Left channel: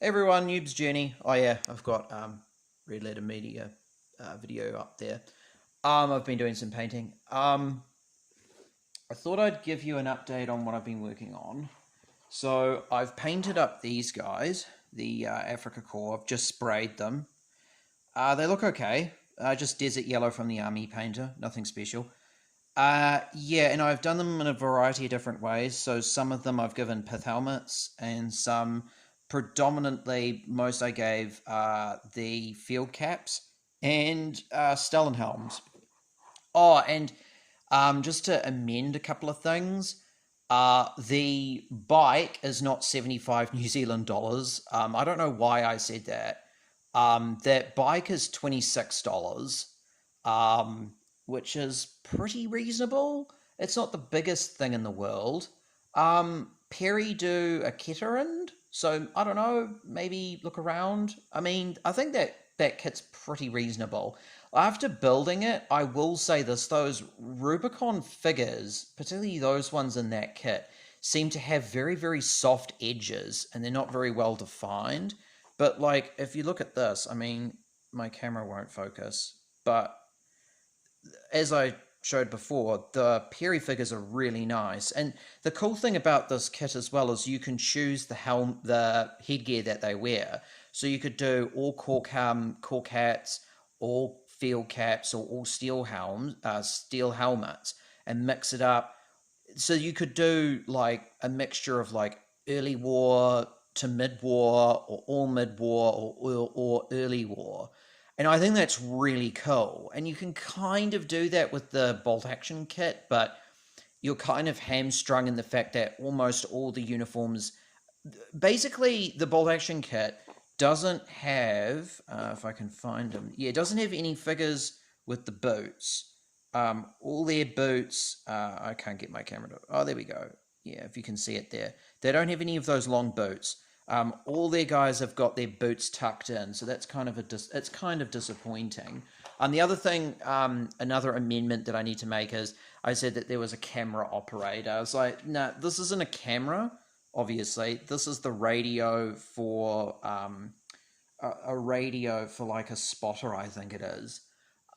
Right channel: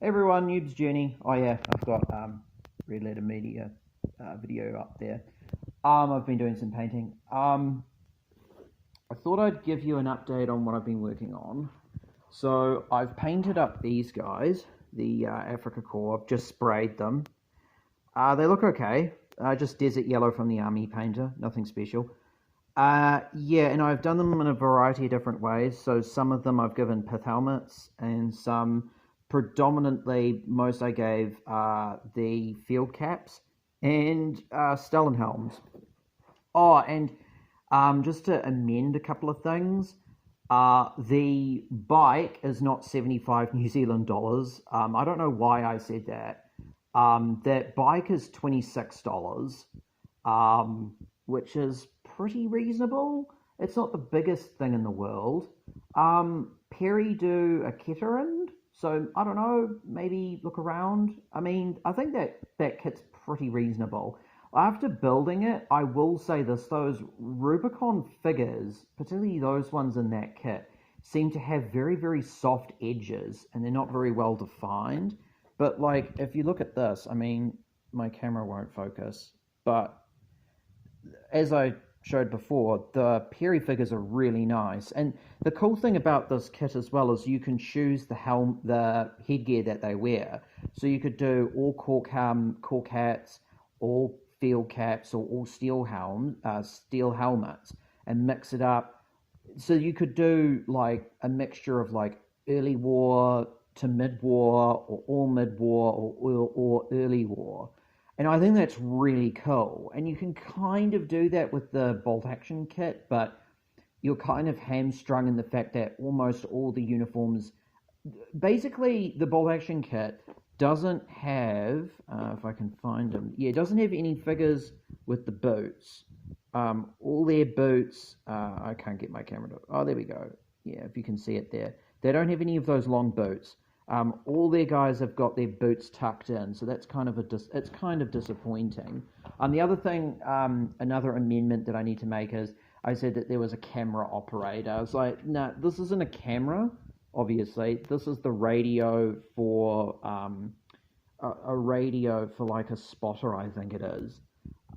Everyone, Noob's Journey. Oh yeah, I've got Red Letter Media video up there. I've been doing some painting. I thought I'd give you an update on what I've been working on. So I've painted up these guys, the Africa Core. I've just sprayed them. They look okay. Just desert yellow from the army painter, nothing special. Yeah, and I've done them in a variety of different ways. So some of them I've given pith helmets, and some predominantly, most I gave the field caps and Stellan helms. Oh, and just to amend a couple of things, the bike is not 75 New Zealand dollars. I don't know why I said that. That bike is $26, which is pretty reasonable. It's not the biggest thing in the world. Perry do a Kettering, so I don't know. Maybe look around. I mean, I think that kit's pretty reasonable. After building it, I will say this: those Rubicon figures, particularly those ones in that kit, seem to have very, very soft edges, and they're not very well defined. But like, if you look at this, I mean, my camera won't focus, but as I showed before, the Perry figures are really nice. And the cool thing about this kit as well is you can choose the headgear that they wear. So you could do all cork hats, all field caps, or all steel helmets, and mix it up. So you could do like a mixture of like early war to mid war, or all mid war, or early war. And I think that's really cool. And you can kind of do that with the bolt action kit, but you're kind of hamstrung in the fact that almost all the uniforms, basically, the bolt action kit doesn't have, if I can find them, yeah, it doesn't have any figures with the boots. All their boots, I can't get my camera to, oh, there we go. Yeah, if you can see it there. They don't have any of those long boots. All their guys have got their boots tucked in, so that's kind of it's kind of disappointing. The other thing, another amendment that I need to make is I said that there was a camera operator. I was like, no, this isn't a camera. Obviously, this is the radio for a radio for like a spotter, I think it is.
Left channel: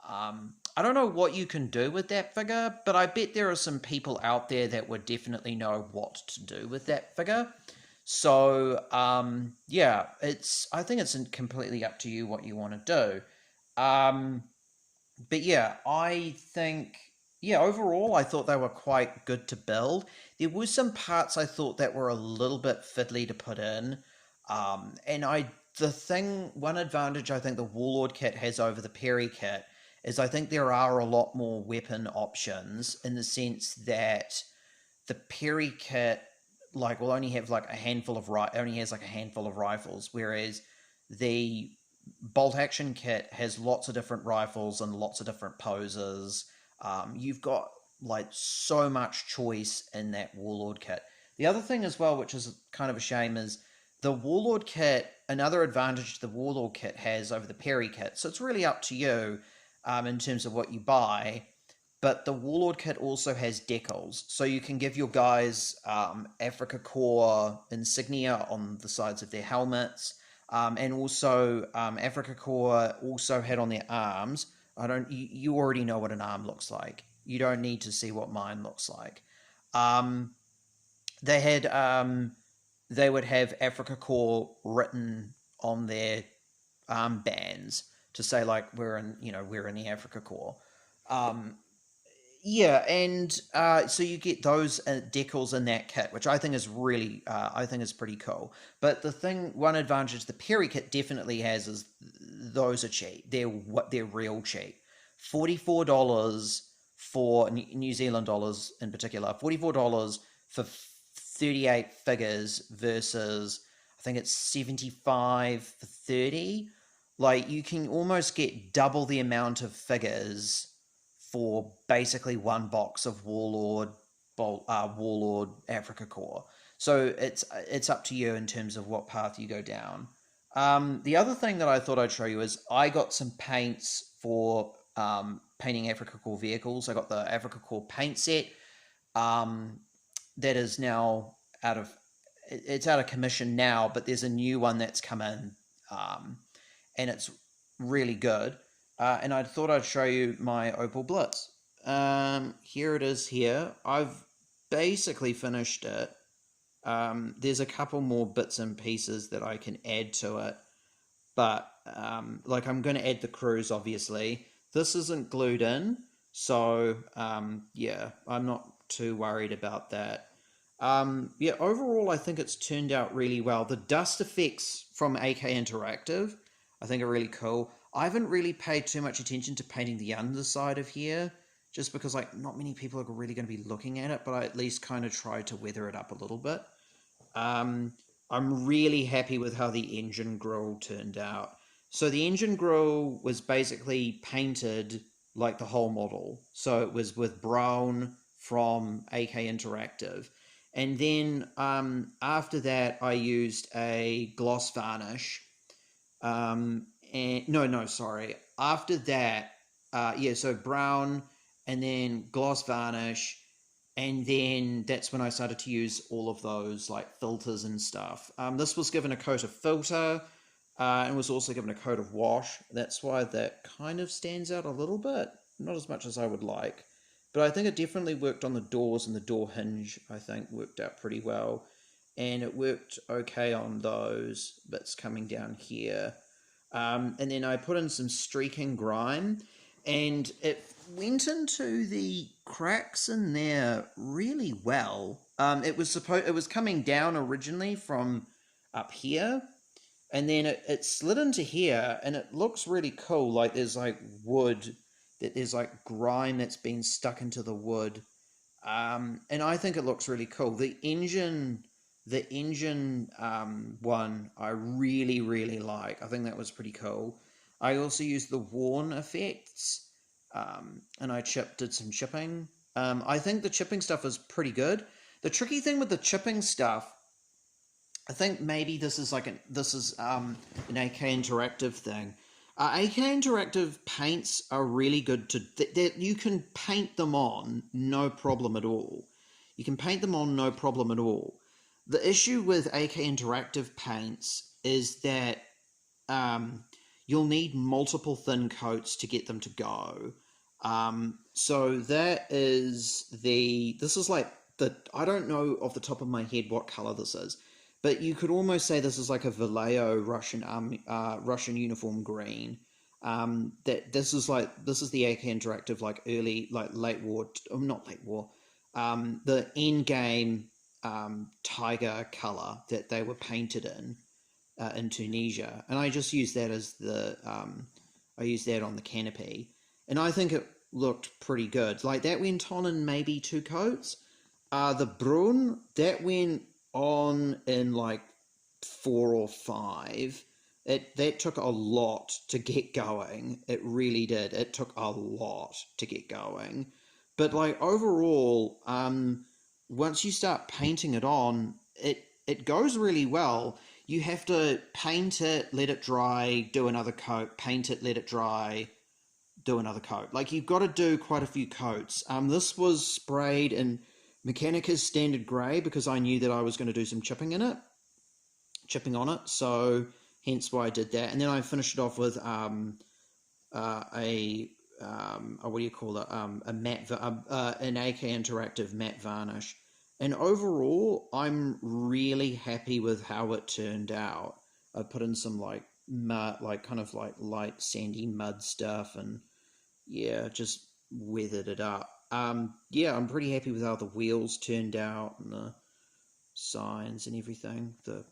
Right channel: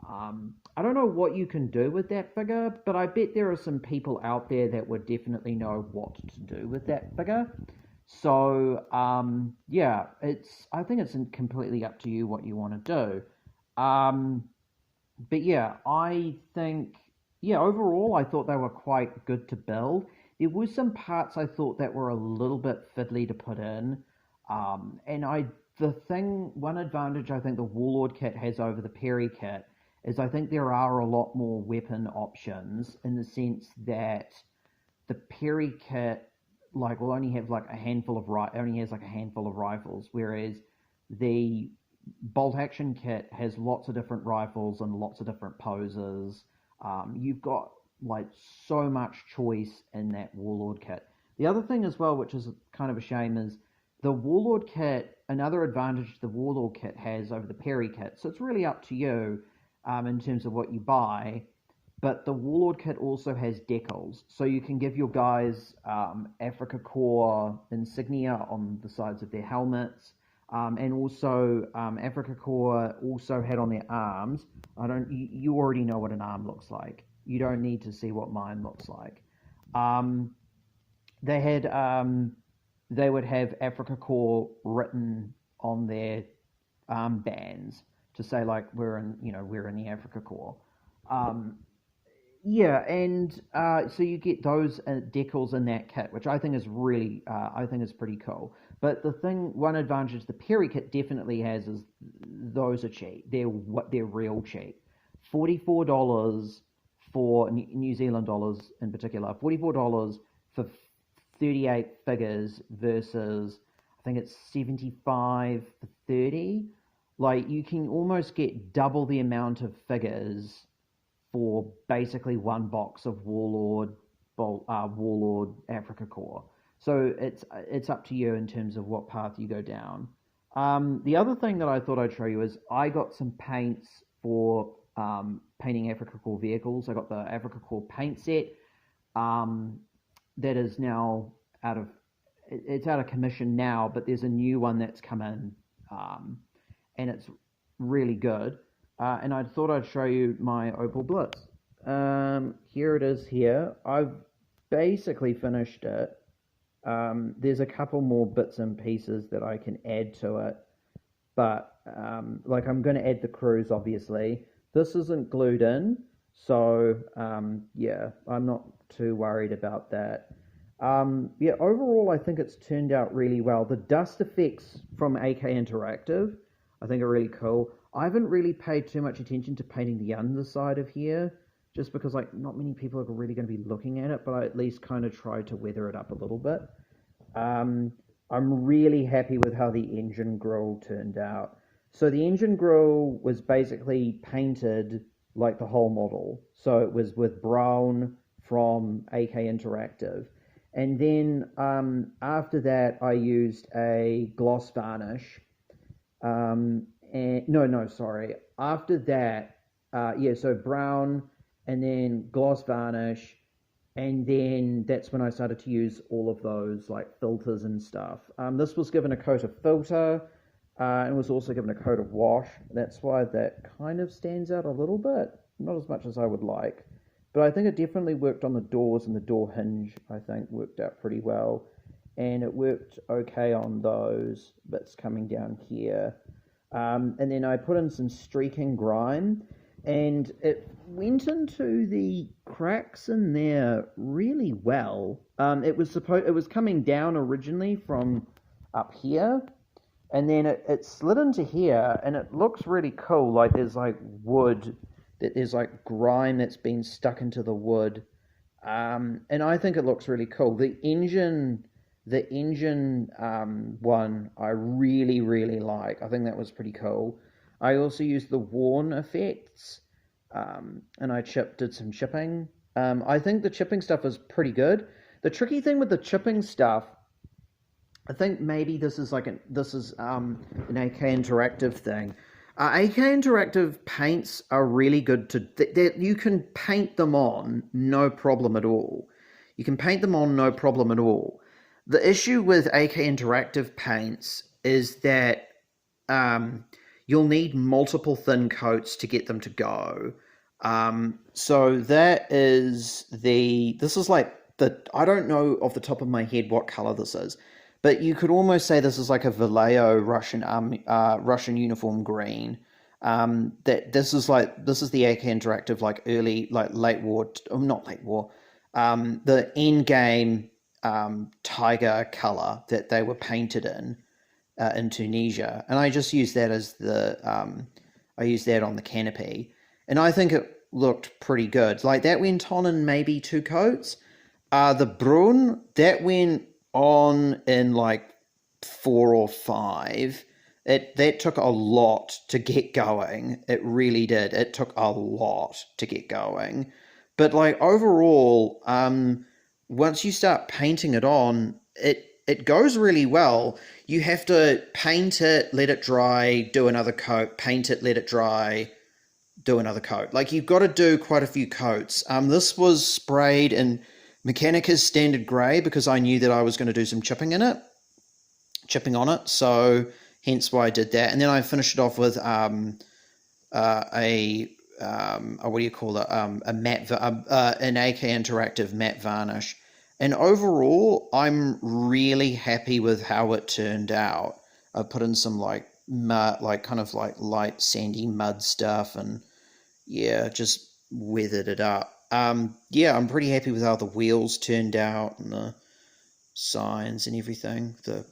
I don't know what you can do with that figure, but I bet there are some people out there that would definitely know what to do with that figure. So yeah, I think it's completely up to you what you want to do. But yeah, I think yeah, overall I thought they were quite good to build. There were some parts I thought that were a little bit fiddly to put in. And one advantage I think the Warlord kit has over the Perry kit is I think there are a lot more weapon options, in the sense that the Perry kit like will only have like a handful of only has like a handful of rifles, whereas the bolt action kit has lots of different rifles and lots of different poses. You've got like so much choice in that Warlord kit. The other thing as well, which is kind of a shame, is the Warlord kit. Another advantage the Warlord kit has over the Perry kit. So it's really up to you in terms of what you buy. But the Warlord kit also has decals, so you can give your guys Africa Core insignia on the sides of their helmets, and also Africa Core also had on their arms. I don't. You already know what an arm looks like. You don't need to see what mine looks like. Um, they had they would have Africa Core written on their armbands to say like we're in the Africa Core. Um, yeah, and so you get those decals in that kit, which I think is really, I think is pretty cool. But one advantage the Perry kit definitely has is those are cheap. They're real cheap. $44 for New Zealand dollars in particular. $44 for 38 figures versus I think it's 75 for 30. Like you can almost get double the amount of figures for basically one box of Warlord Africa Core. So it's up to you in terms of what path you go down. The other thing that I thought I'd show you is I got some paints for painting Africa Core vehicles. I got the Africa Core paint set um, that is now out of it's out of commission now, but there's a new one that's come in, and it's really good. And I thought I'd show you my Opel Blitz. Here it is here. I've basically finished it. There's a couple more bits and pieces that I can add to it, but like I'm going to add the cruise, obviously. This isn't glued in, so yeah, I'm not too worried about that. Yeah, overall, I think it's turned out really well. The dust effects from AK Interactive, I think, are really cool. I haven't really paid too much attention to painting the underside of here, just because like not many people are really going to be looking at it, but I at least kind of tried to weather it up a little bit. I'm really happy with how the engine grille turned out. So the engine grille was basically painted like the whole model. So it was with brown from AK Interactive. And then after that, I used a gloss varnish. Sorry. After that, yeah, so brown and then gloss varnish. And then that's when I started to use all of those like filters and stuff. This was given a coat of filter and was also given a coat of wash. That's why that kind of stands out a little bit. Not as much as I would like. But I think it definitely worked on the doors, and the door hinge, I think, worked out pretty well. And it worked okay on those bits coming down here. And then I put in some streaking grime, and it went into the cracks in there really well. It was coming down originally from up here, and then it slid into here, and it looks really cool. Like there's like wood, that there's like grime that's been stuck into the wood, and I think it looks really cool. The engine one I really like. I think that was pretty cool. I also used the worn effects, and I did some chipping. I think the chipping stuff is pretty good. The tricky thing with the chipping stuff, I think maybe this is an AK Interactive thing. AK Interactive paints are really good you can paint them on, no problem at all. You can paint them on, no problem at all. The issue with AK Interactive paints is that you'll need multiple thin coats to get them to go. So that is I don't know off the top of my head what color this is, but you could almost say this is like a Vallejo Russian uniform green. This is the AK Interactive like late war, not late war, the end game tiger color that they were painted in Tunisia, and I just used that as I used that on the canopy, and I think it looked pretty good. Like that went on in maybe 2 coats. The Brun, that went on in like 4 or 5. That took a lot to get going. It really did. It took a lot to get going. But like overall, once you start painting it on, it goes really well. You have to paint it, let it dry, do another coat, paint it, let it dry, do another coat. Like you've got to do quite a few coats. This was sprayed in Mechanica's Standard Grey because I knew that I was going to do some chipping on it. So hence why I did that. And then I finished it off with an AK Interactive matte varnish. And overall, I'm really happy with how it turned out. I put in some like mud, like kind of like light sandy mud stuff, and yeah, just weathered it up. Yeah, I'm pretty happy with how the wheels turned out and the signs and everything. The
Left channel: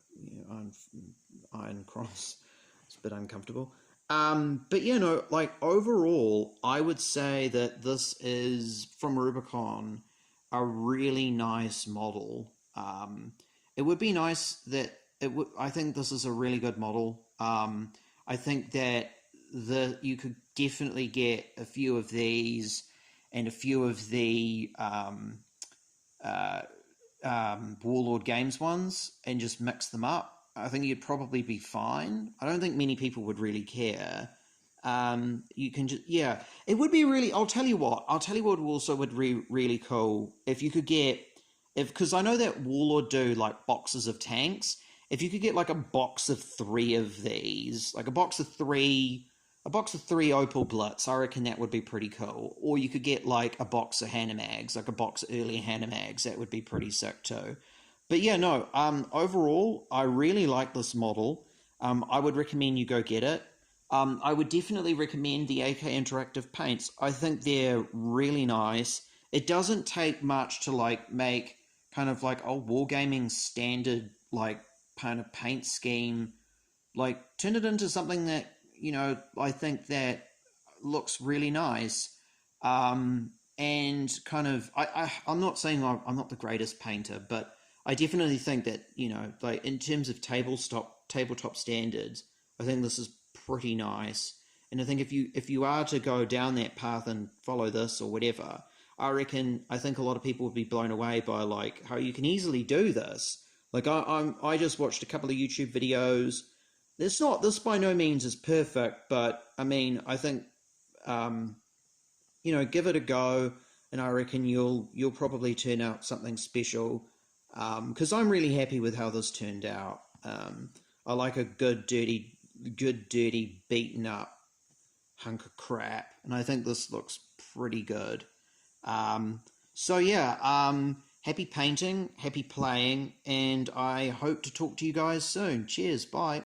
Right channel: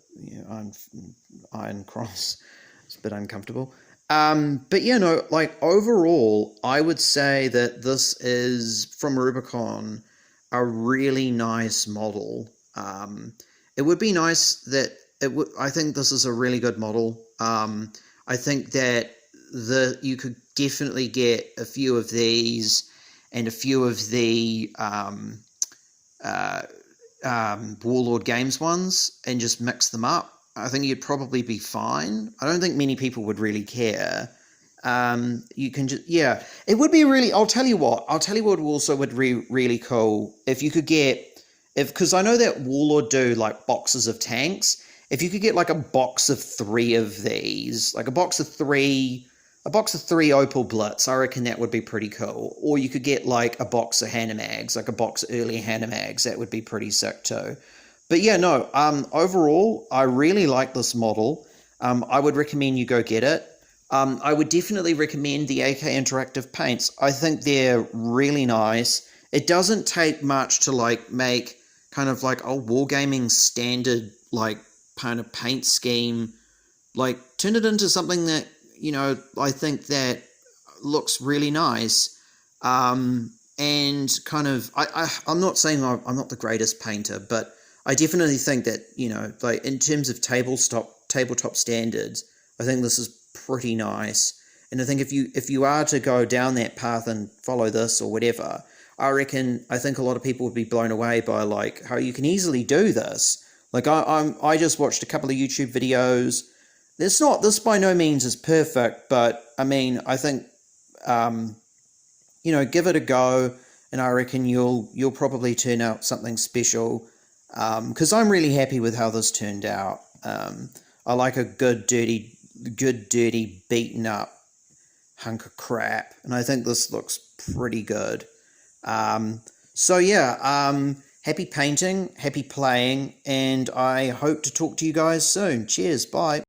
iron cross, it's a bit uncomfortable. But yeah, no, like overall, I would say that this is from Rubicon a really nice model. It would be nice that I think this is a really good model. I think that you could definitely get a few of these and a few of the Warlord Games ones and just mix them up. I think you'd probably be fine. I don't think many people would really care. You can just, yeah, it would be really, I'll tell you what also would be really cool if you could get because I know that Warlord do like boxes of tanks. If you could get like a box of 3 of these, like a box of three Opel Blitz, I reckon that would be pretty cool. Or you could get like a box of Hanamags, like a box of early Hanamags. That would be pretty sick too. But yeah, no. Overall, I really like this model. I would recommend you go get it. I would definitely recommend the AK Interactive paints. I think they're really nice. It doesn't take much to like make kind of like a wargaming standard like kind of paint scheme, like turn it into something that, you know, I think that looks really nice. And kind of I'm not saying I'm not the greatest painter, but I definitely think that, you know, like in terms of tabletop standards, I think this is pretty nice. And I think if you are to go down that path and follow this or whatever, I think a lot of people would be blown away by like how you can easily do this. Like I just watched a couple of YouTube videos. This by no means is perfect, but I mean I think you know, give it a go, and I reckon you'll probably turn out something special. Because I'm really happy with how this turned out. I like a good dirty beaten up hunk of crap, and I think this looks pretty good. So yeah, happy painting, happy playing, and I hope to talk to you guys soon. Cheers, bye.